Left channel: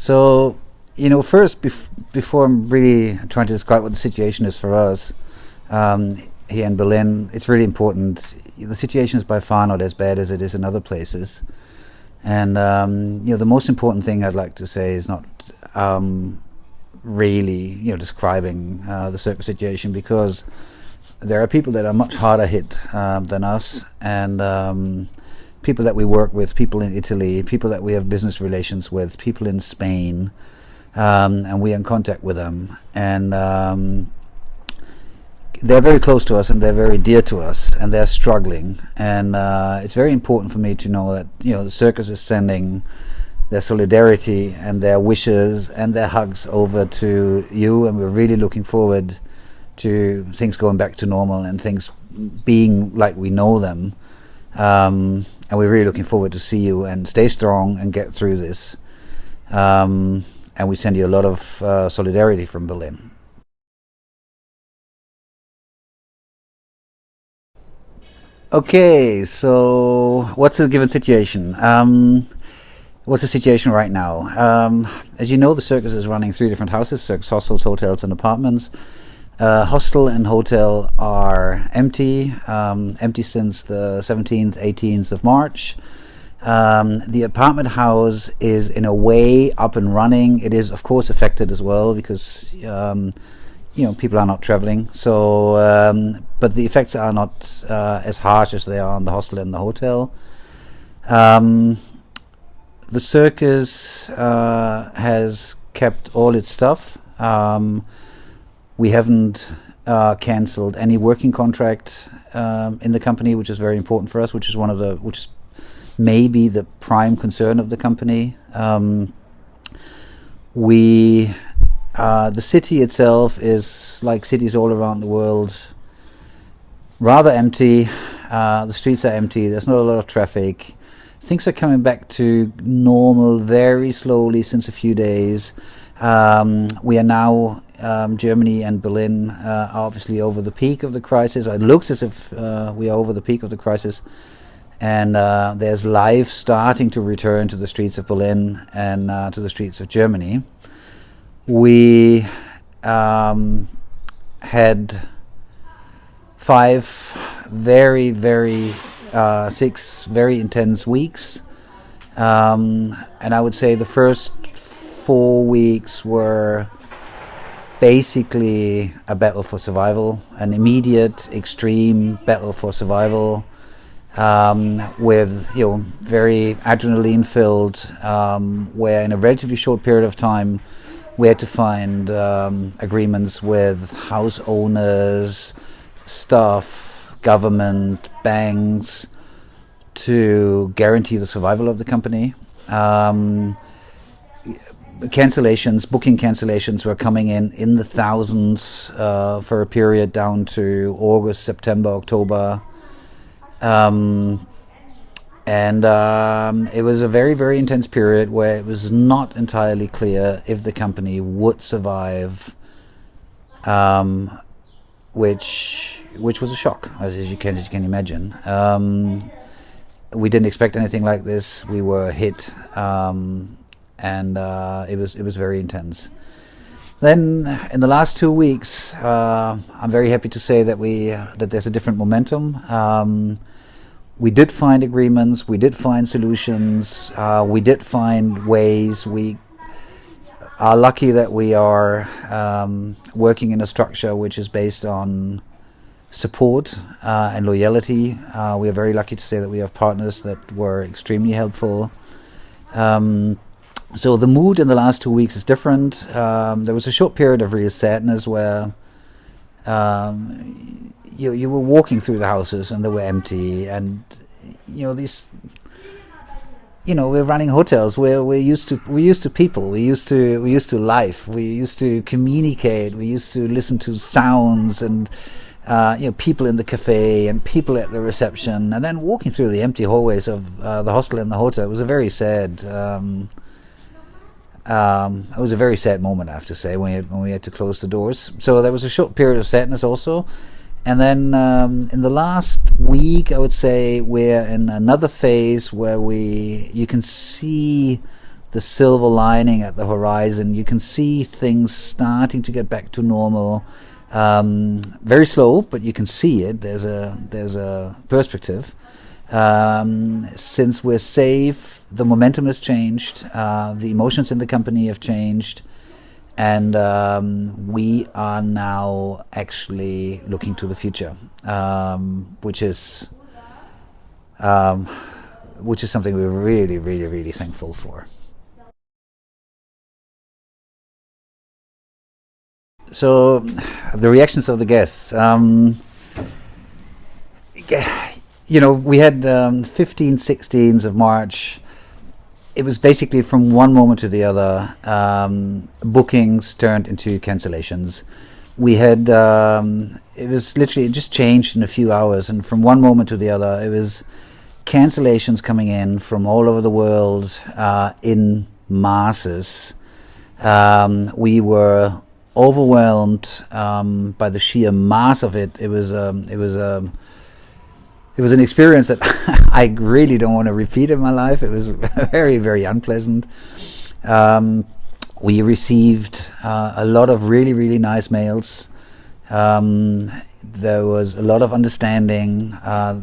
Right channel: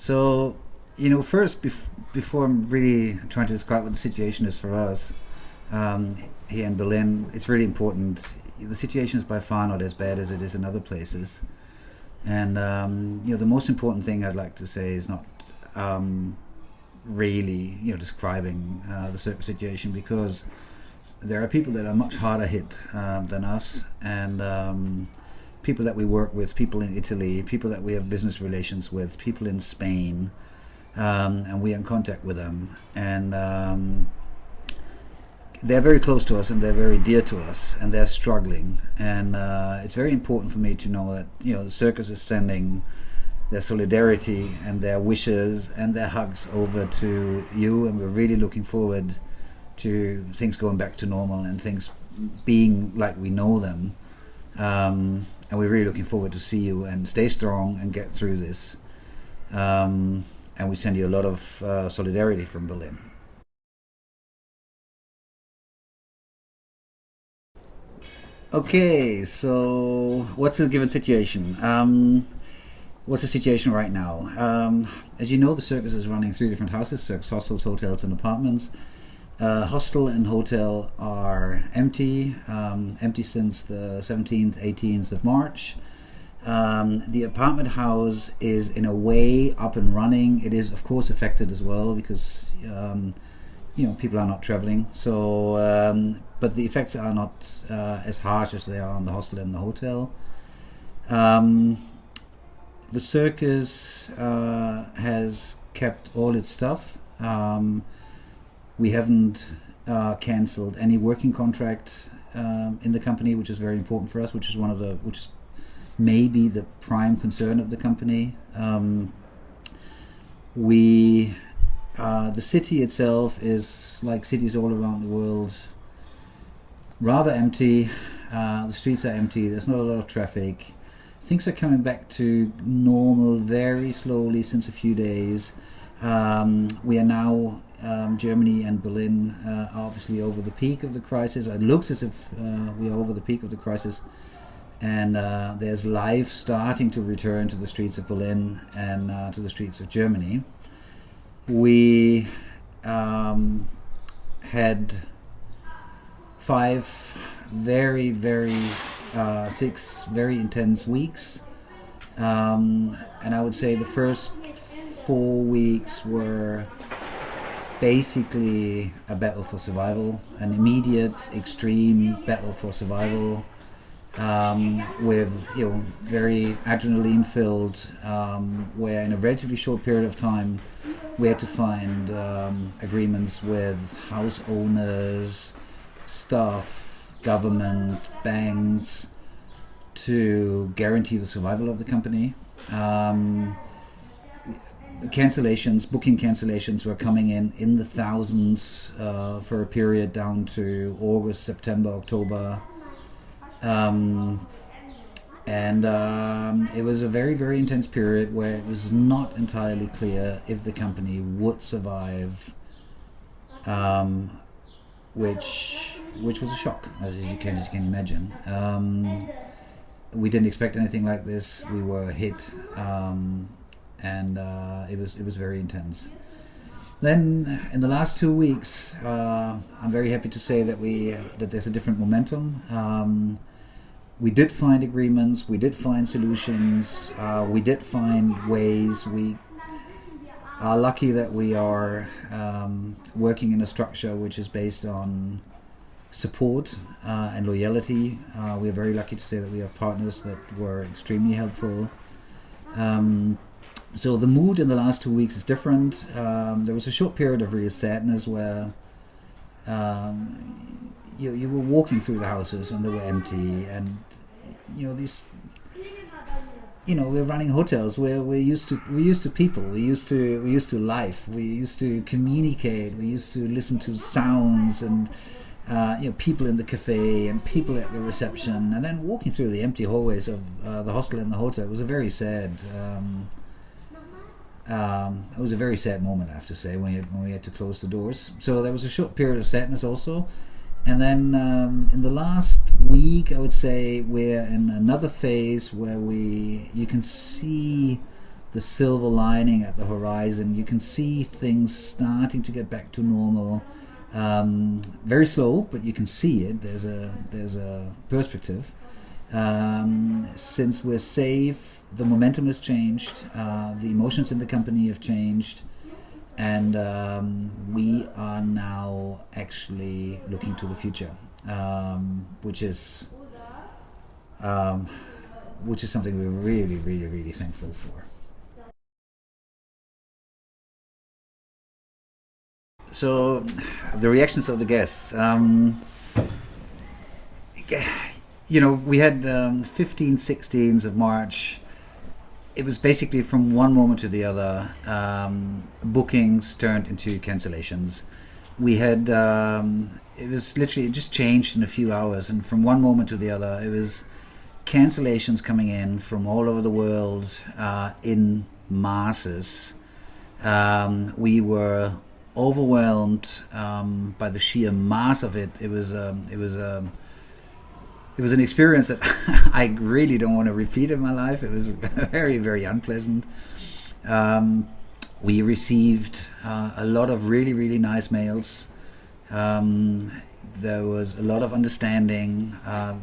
So, first, before I'm really trying to describe what the situation is for us um, here in Berlin, it's really important. The situation is by far not as bad as it is in other places. And, the most important thing I'd like to say is not really, describing the circus situation, because there are people that are much harder hit than us, and people that we work with, people in Italy, people that we have business relations with, people in Spain, and we are in contact with them, and they're very close to us and they're very dear to us, and they're struggling, and it's very important for me to know that the circus is sending their solidarity and their wishes and their hugs over to you, and we're really looking forward to things going back to normal and things being like we know them. And we're really looking forward to see you and stay strong and get through this. And we send you a lot of solidarity from Berlin. Okay, so what's the given situation? What's the situation right now? As you know, the circus is running three different houses: circus hostels, hotels, and apartments. Hostel and hotel are empty, empty since the 17th, 18th of March. The apartment house is in a way up and running. It is, of course, affected as well because people are not traveling. So, but the effects are not as harsh as they are on the hostel and the hotel. The circus has kept all its stuff. We haven't cancelled any working contract in the company, which is very important for us, which is maybe the prime concern of the company. The city itself is like cities all around the world, rather empty. The streets are empty. There's not a lot of traffic. Things are coming back to normal very slowly since a few days. We are now, Germany and Berlin are obviously over the peak of the crisis. It looks as if we are over the peak of the crisis. And there's life starting to return to the streets of Berlin and to the streets of Germany. We had 6 very intense weeks. And I would say the first 4 weeks were basically a battle for survival, an immediate, extreme battle for survival, with very adrenaline filled, where in a relatively short period of time we had to find agreements with house owners, staff, government, banks to guarantee the survival of the company. Booking cancellations were coming in the thousands for a period down to August, September, October. It was a very, very intense period where it was not entirely clear if the company would survive, which was a shock, as you can imagine. We didn't expect anything like this. We were hit, and it was very intense. Then in the last 2 weeks, I'm very happy to say that that there's a different momentum. We did find agreements, we did find solutions, we did find ways. We are lucky that we are working in a structure which is based on support and loyalty. We are very lucky to say that we have partners that were extremely helpful. So the mood in the last 2 weeks is different. There was a short period of real sadness where you were walking through the houses and they were empty, and we're running hotels where we're used to people, we used to life, we used to communicate, we used to listen to sounds and people in the cafe and people at the reception, and then walking through the empty hallways of the hostel and the hotel. It was a very sad moment, I have to say, when we had to close the doors. So there was a short period of sadness also. And then in the last week, I would say we're in another phase where you can see the silver lining at the horizon. You can see things starting to get back to normal. Very slow, but you can see it. There's a perspective. Since we're safe, the momentum has changed. The emotions in the company have changed, and we are now actually looking to the future, which is something we're really, really, really thankful for. So, the reactions of the guests. We had 15, 16th of March. It was basically from one moment to the other. Bookings turned into cancellations. We had, it was literally, it just changed in a few hours. And from one moment to the other, it was cancellations coming in from all over the world in masses. We were overwhelmed by the sheer mass of it. It was an experience that I really don't want to repeat in my life. It was very, very unpleasant. We received a lot of really, really nice mails. There was a lot of understanding.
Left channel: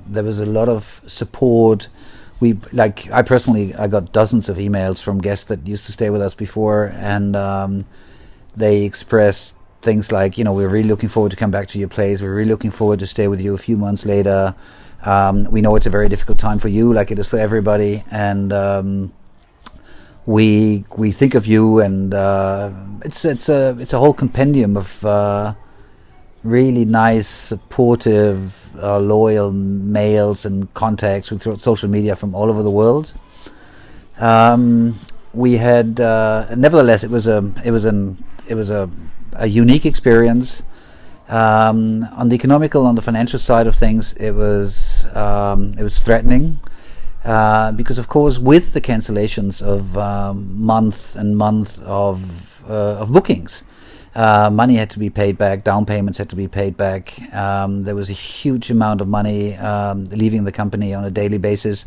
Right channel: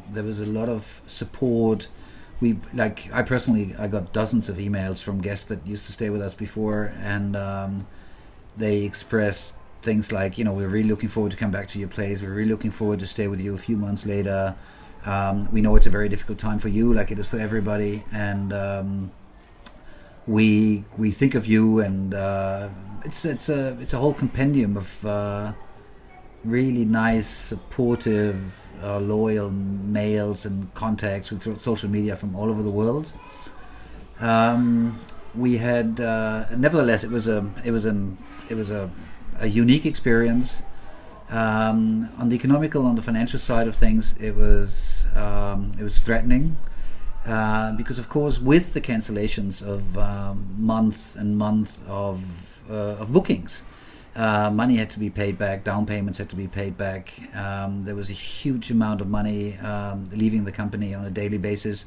There was a lot of support. I personally, I got dozens of emails from guests that used to stay with us before, and they expressed things like, we're really looking forward to come back to your place. We're really looking forward to stay with you a few months later. We know it's a very difficult time for you, like it is for everybody, and we think of you, and it's a whole compendium of really nice, supportive, loyal mails and contacts through social media from all over the world. We had, nevertheless, it was a unique experience. On the economical, on the financial side of things, it was threatening, because of course, with the cancellations of month and month of bookings, money had to be paid back, down payments had to be paid back. There was a huge amount of money leaving the company on a daily basis.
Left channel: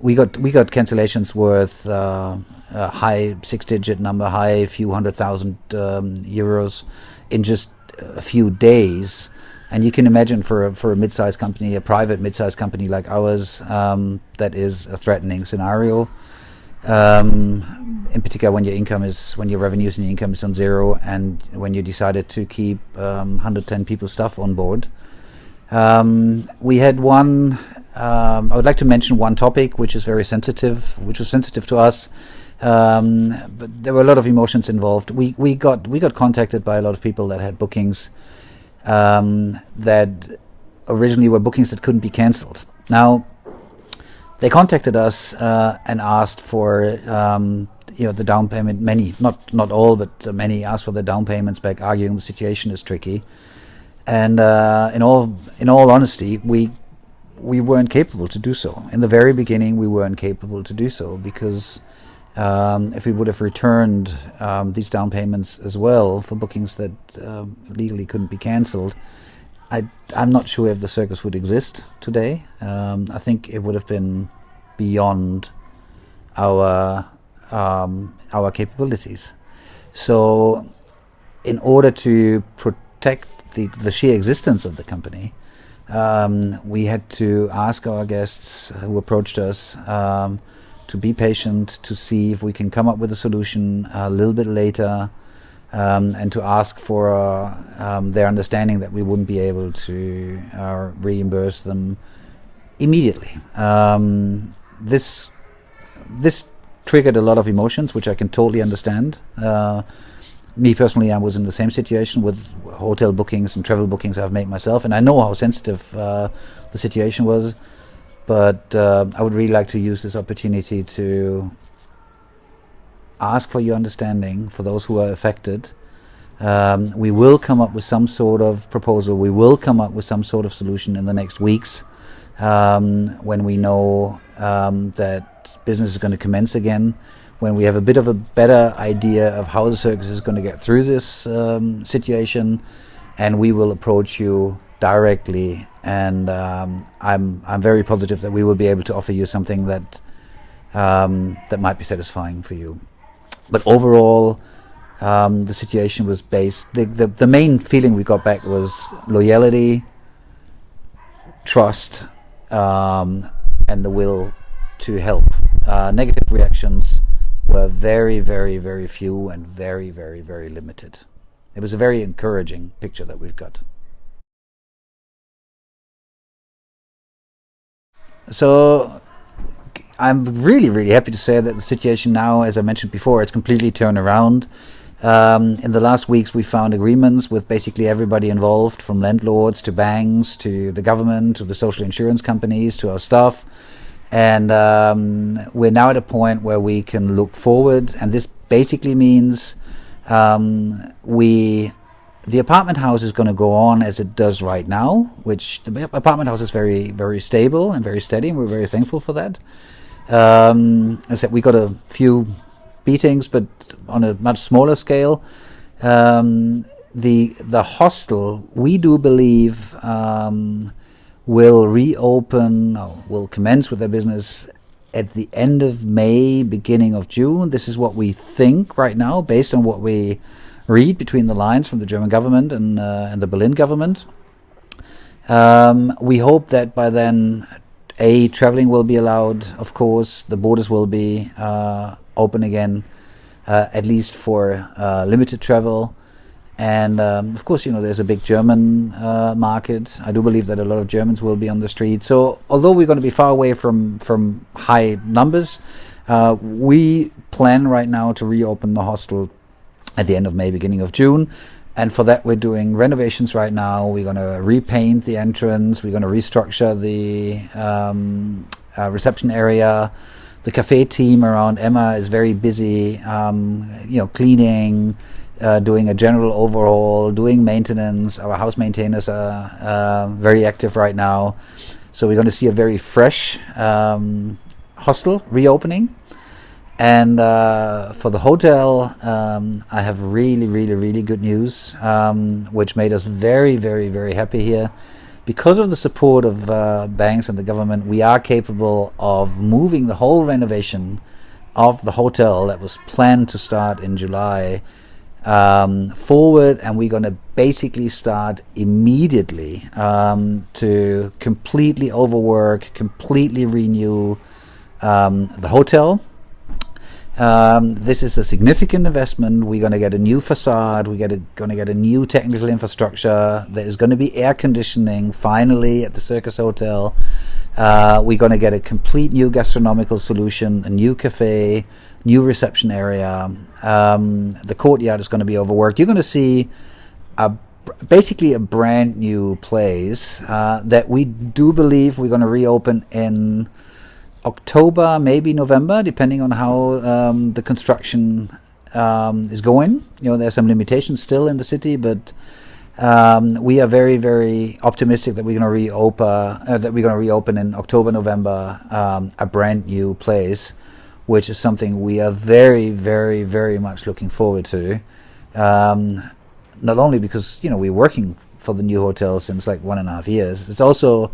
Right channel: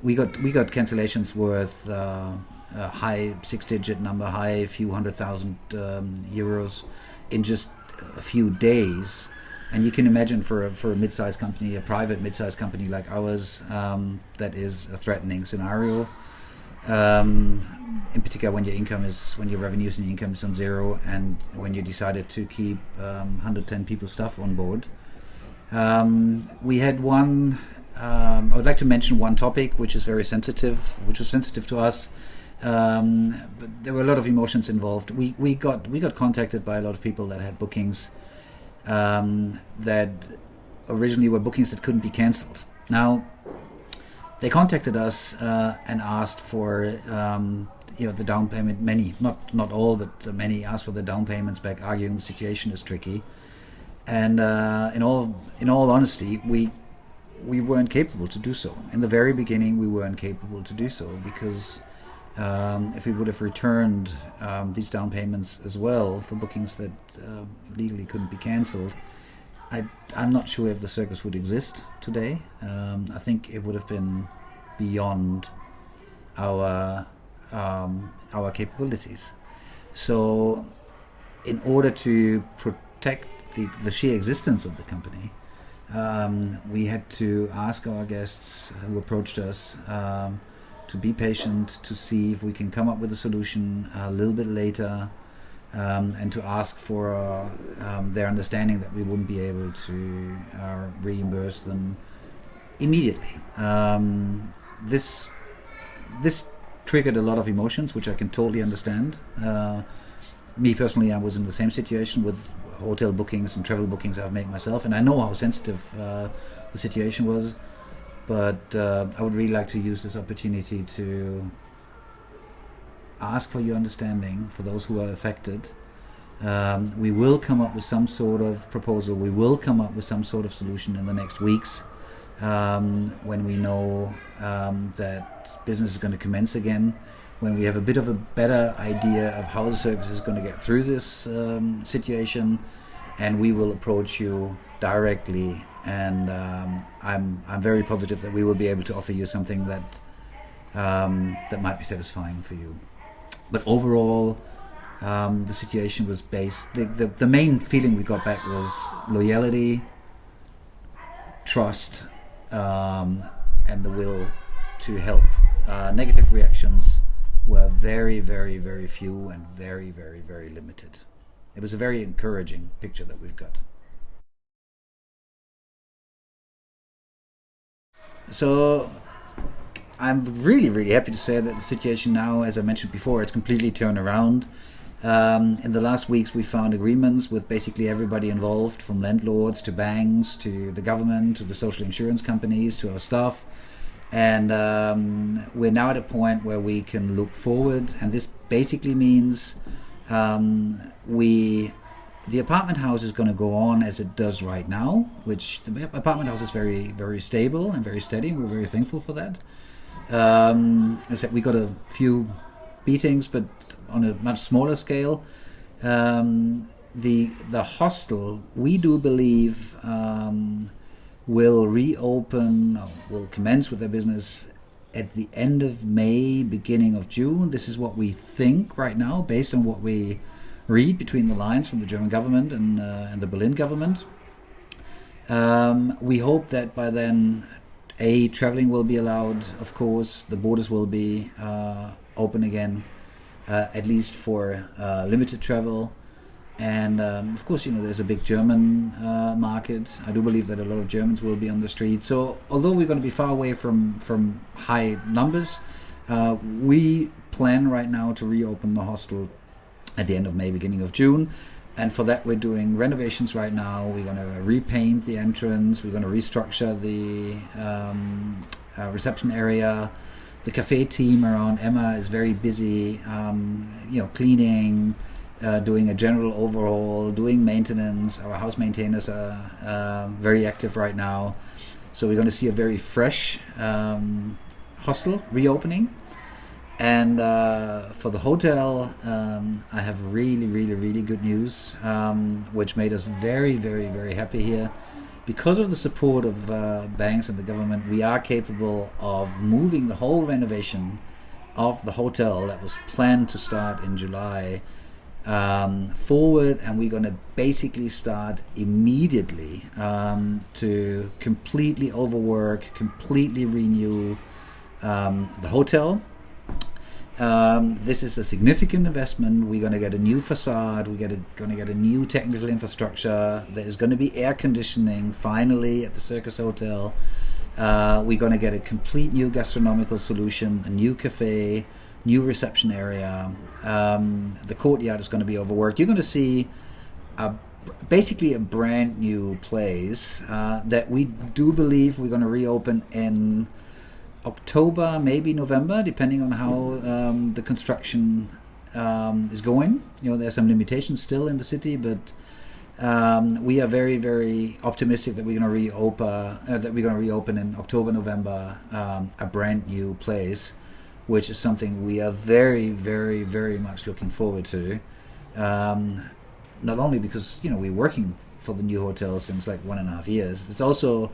We got cancellations worth a high six-digit number, high few 100,000 euros in just a few days. And you can imagine for a mid-sized company, a private mid-sized company like ours, that is a threatening scenario. In particular, when your revenues and your income is on zero, and when you decided to keep 110 people staff on board. We had one. I would like to mention one topic which is very sensitive, which was sensitive to us. But there were a lot of emotions involved. We got contacted by a lot of people that had bookings that originally were bookings that couldn't be cancelled. Now, they contacted us and asked for the down payment. Many, not all, but many asked for the down payments back, arguing the situation is tricky. And in all honesty, we weren't capable to do so. In the very beginning, we weren't capable to do so because if we would have returned these down payments as well for bookings that legally couldn't be cancelled, I'm not sure if the circus would exist today. I think it would have been beyond our capabilities. So, in order to protect the sheer existence of the company, we had to ask our guests who approached us to be patient, to see if we can come up with a solution a little bit later, and to ask for their understanding that we wouldn't be able to reimburse them immediately. This triggered a lot of emotions, which I can totally understand. Me personally, I was in the same situation with hotel bookings and travel bookings I've made myself, and I know how sensitive the situation was. But I would really like to use this opportunity to ask for your understanding for those who are affected. We will come up with some sort of proposal. We will come up with some sort of solution in the next weeks when we know that business is going to commence again, when we have a bit of a better idea of how the circus is going to get through this situation, and we will approach you directly. And I'm very positive that we will be able to offer you something that might be satisfying for you. But overall, the situation was based. The main feeling we got back was loyalty, trust, and the will to help. Negative reactions were very, very, very few and very, very, very limited. It was a very encouraging picture that we've got. So I'm really, really happy to say that the situation now, as I mentioned before, it's completely turned around. In the last weeks, we found agreements with basically everybody involved, from landlords to banks to the government to the social insurance companies to our staff. And we're now at a point where we can look forward. And this basically means the apartment house is going to go on as it does right now, which the apartment house is very, very stable and very steady, and we're very thankful for that. As I said, we got a few beatings, but on a much smaller scale. The hostel, we do believe, will reopen, will commence with their business at the end of May, beginning of June. This is what we think right now, based on what we read between the lines from the German government and the Berlin government. We hope that by then, traveling will be allowed, of course. The borders will be open again, at least for limited travel. And of course, there's a big German market. I do believe that a lot of Germans will be on the street. So although we're going to be far away from high numbers, we plan right now to reopen the hostel at the end of May, beginning of June. And for that, we're doing renovations right now. We're going to repaint the entrance. We're going to restructure the reception area. The cafe team around Emma is very busy, cleaning, doing a general overhaul, doing maintenance. Our house maintainers are very active right now. So we're going to see a very fresh hostel reopening. And for the hotel, I have really, really, really good news, which made us very, very, very happy here. Because of the support of banks and the government, we are capable of moving the whole renovation of the hotel that was planned to start in July forward, and we're going to basically start immediately to completely overwork, completely renew the hotel. This is a significant investment. We're going to get a new facade. We're going to get a new technical infrastructure. There is going to be air conditioning finally at the Circus Hotel. We're going to get a complete new gastronomical solution, a new cafe, new reception area. The courtyard is going to be overworked. You're going to see basically a brand new place that we do believe we're going to reopen in October, maybe November, depending on how the construction is going. There's some limitations still in the city, but we are very, very optimistic that we're going to reopen in October, November, a brand new place, which is something we are very, very, very much looking forward to. Not only because we're working for the new hotel since like 1.5 years. It's also,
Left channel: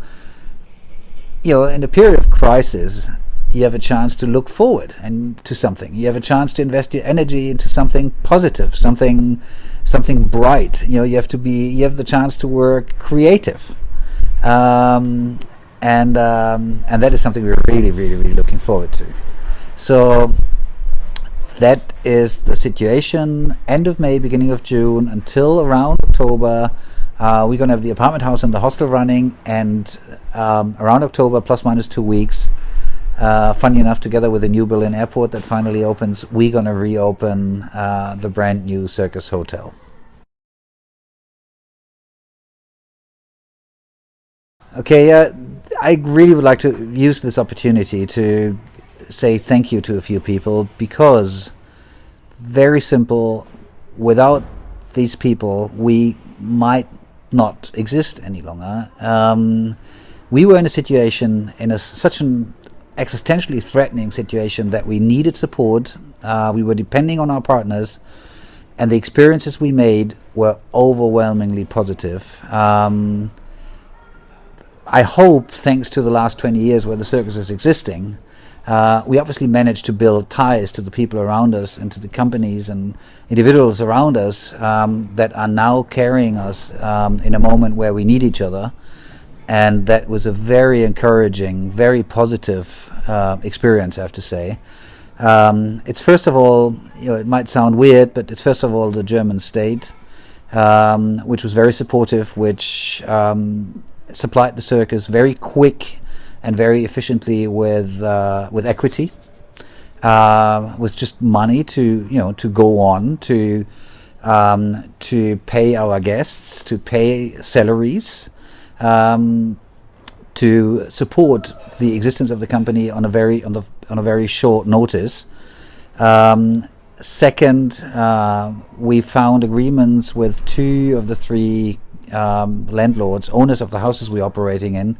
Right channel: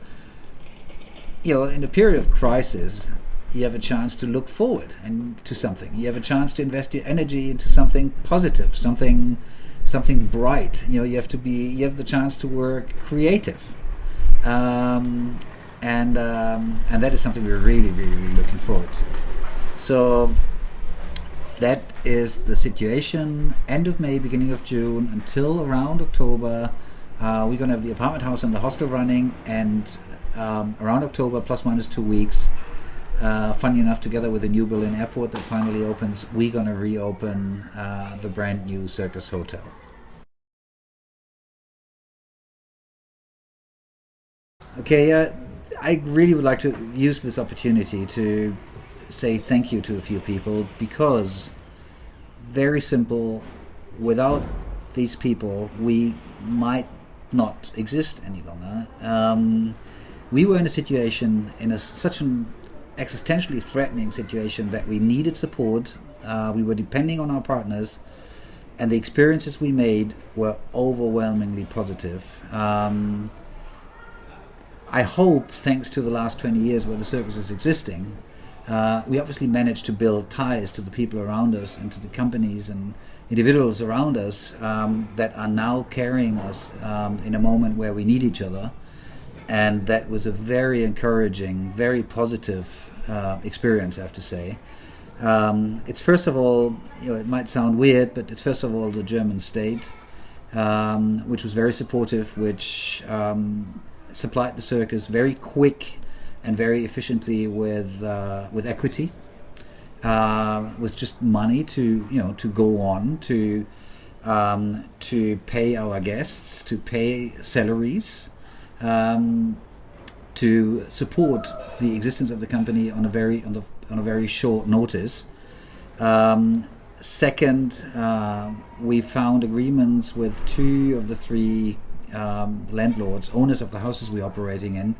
in a period of crisis, you have a chance to look forward and to something. You have a chance to invest your energy into something positive, something bright. You have the chance to work creative, and that is something we're really, really, really looking forward to. So that is the situation. End of May, beginning of June, until around October. We're going to have the apartment house and the hostel running, and around October, plus minus 2 weeks, funny enough, together with the new Berlin airport that finally opens, we're going to reopen the brand new Circus Hotel. Okay, I really would like to use this opportunity to say thank you to a few people, because, very simple, without these people, we might not exist any longer. We were in a situation, such an existentially threatening situation, that we needed support. We were depending on our partners, and the experiences we made were overwhelmingly positive. I hope, thanks to the last 20 years where the circus is existing, we obviously managed to build ties to the people around us and to the companies and individuals around us that are now carrying us in a moment where we need each other. And that was a very encouraging, very positive experience, I have to say. It's first of all, it might sound weird, but it's first of all the German state, which was very supportive, which supplied the circus very quick and very efficiently with equity, with just money to go on to pay our guests, to pay salaries, to support the existence of the company on a very short notice. Second, we found agreements with 2 of the 3 landlords, owners of the houses we're operating in,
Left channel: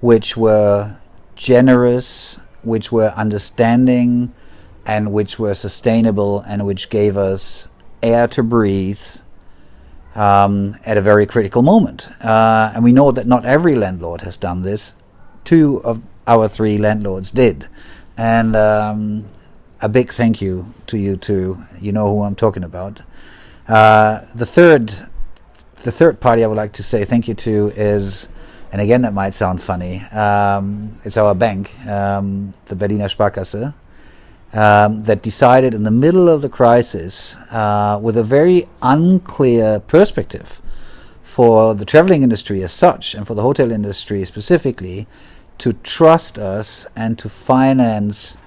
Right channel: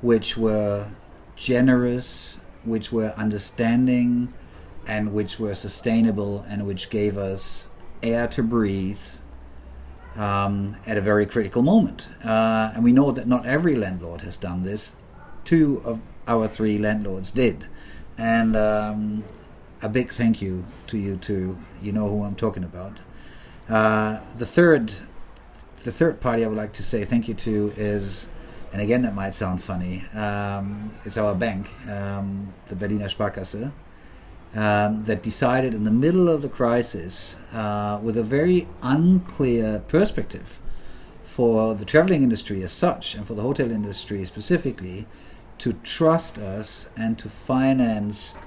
which were generous, which were understanding, and which were sustainable, and which gave us air to breathe at a very critical moment. And we know that not every landlord has done this. 2 of our 3 landlords did. And a big thank you to you two. You know who I'm talking about. The third party I would like to say thank you to is, and again that might sound funny, it's our bank, the Berliner Sparkasse, that decided in the middle of the crisis, with a very unclear perspective for the traveling industry as such and for the hotel industry specifically, to trust us and to finance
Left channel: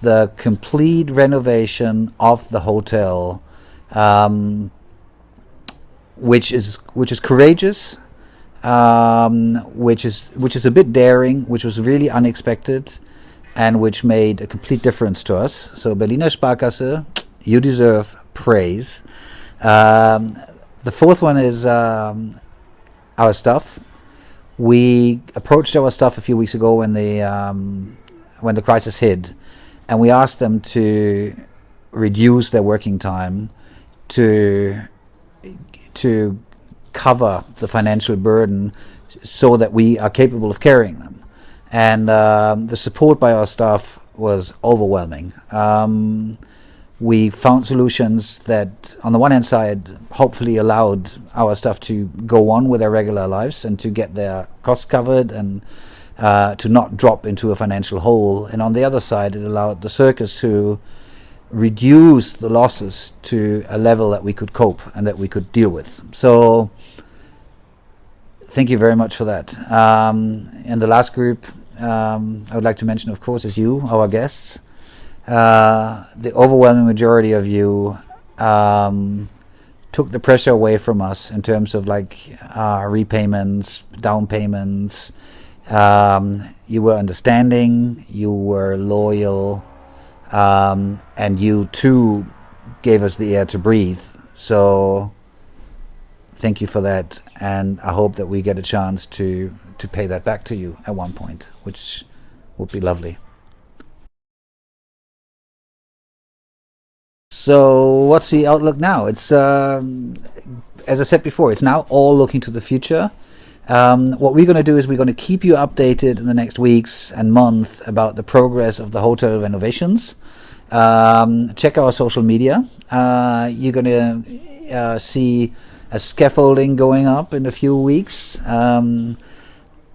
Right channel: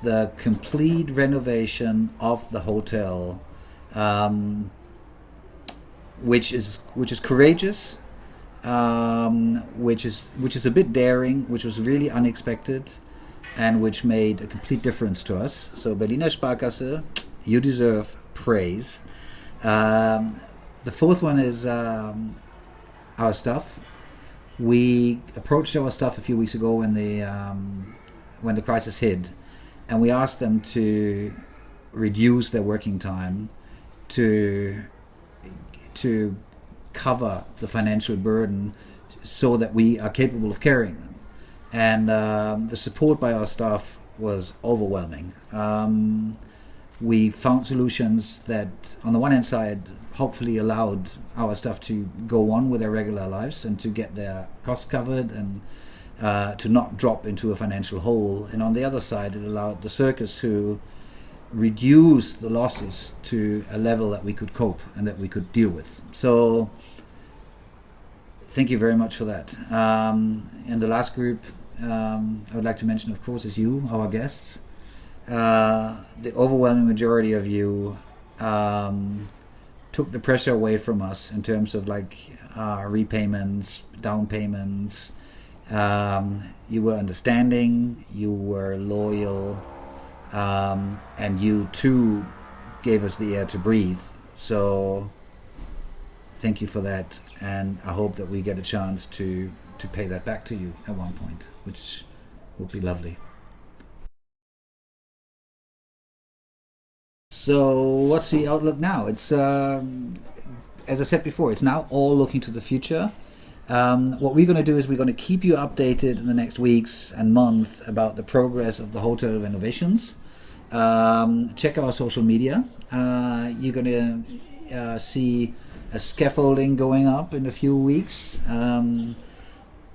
the complete renovation of the hotel, which is courageous, which is a bit daring, which was really unexpected, and which made a complete difference to us. So Berliner Sparkasse, you deserve praise. The fourth one is our staff. We approached our staff a few weeks ago when the crisis hit, and we asked them to reduce their working time to cover the financial burden so that we are capable of carrying them. And the support by our staff was overwhelming. We found solutions that, on the one hand side, hopefully allowed our staff to go on with their regular lives and to get their costs covered and to not drop into a financial hole. And on the other side, it allowed the circus to reduce the losses to a level that we could cope and that we could deal with. So thank you very much for that. And the last group I would like to mention, of course, is you, our guests. The overwhelming majority of you took the pressure away from us in terms of repayments, down payments. You were understanding, you were loyal, and you too gave us the air to breathe. So thank you for that, and I hope that we get a chance to pay that back to you at one point, which would be lovely. So what's the outlook now? It's as I said before, it's now all looking to the future. What we're going to do is we're going to keep you updated in the next weeks and month about the progress of the hotel renovations. Check our social media. You're going to see a scaffolding going up in a few weeks. You're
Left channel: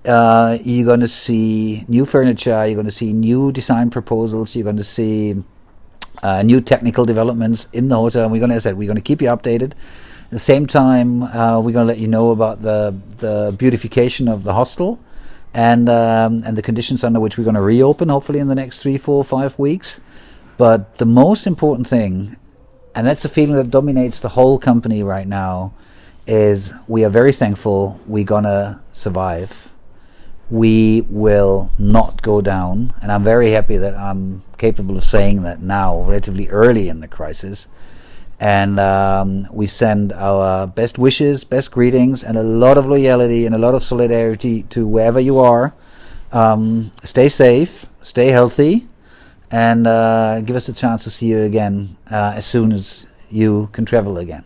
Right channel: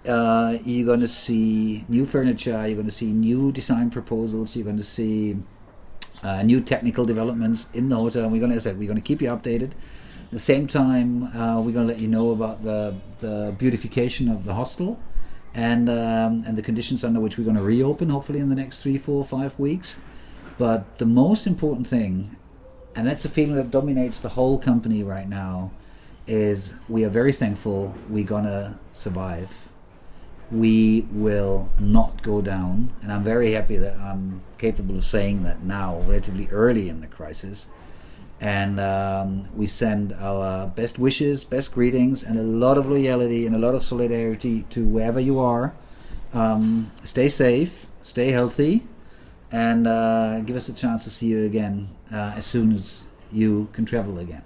going to see new furniture. You're going to see new design proposals. You're going to see new technical developments in the hotel. And we're going to keep you updated. At the same time, we're going to let you know about the beautification of the hostel and the conditions under which we're going to reopen, hopefully in the next 3, 4, 5 weeks. But the most important thing, and that's the feeling that dominates the whole company right now, is we are very thankful we're going to survive. We will not go down, and I'm very happy that I'm capable of saying that now, relatively early in the crisis. And we send our best wishes, best greetings, and a lot of loyalty and a lot of solidarity to wherever you are. Stay safe, stay healthy, and give us a chance to see you again as soon as you can travel again.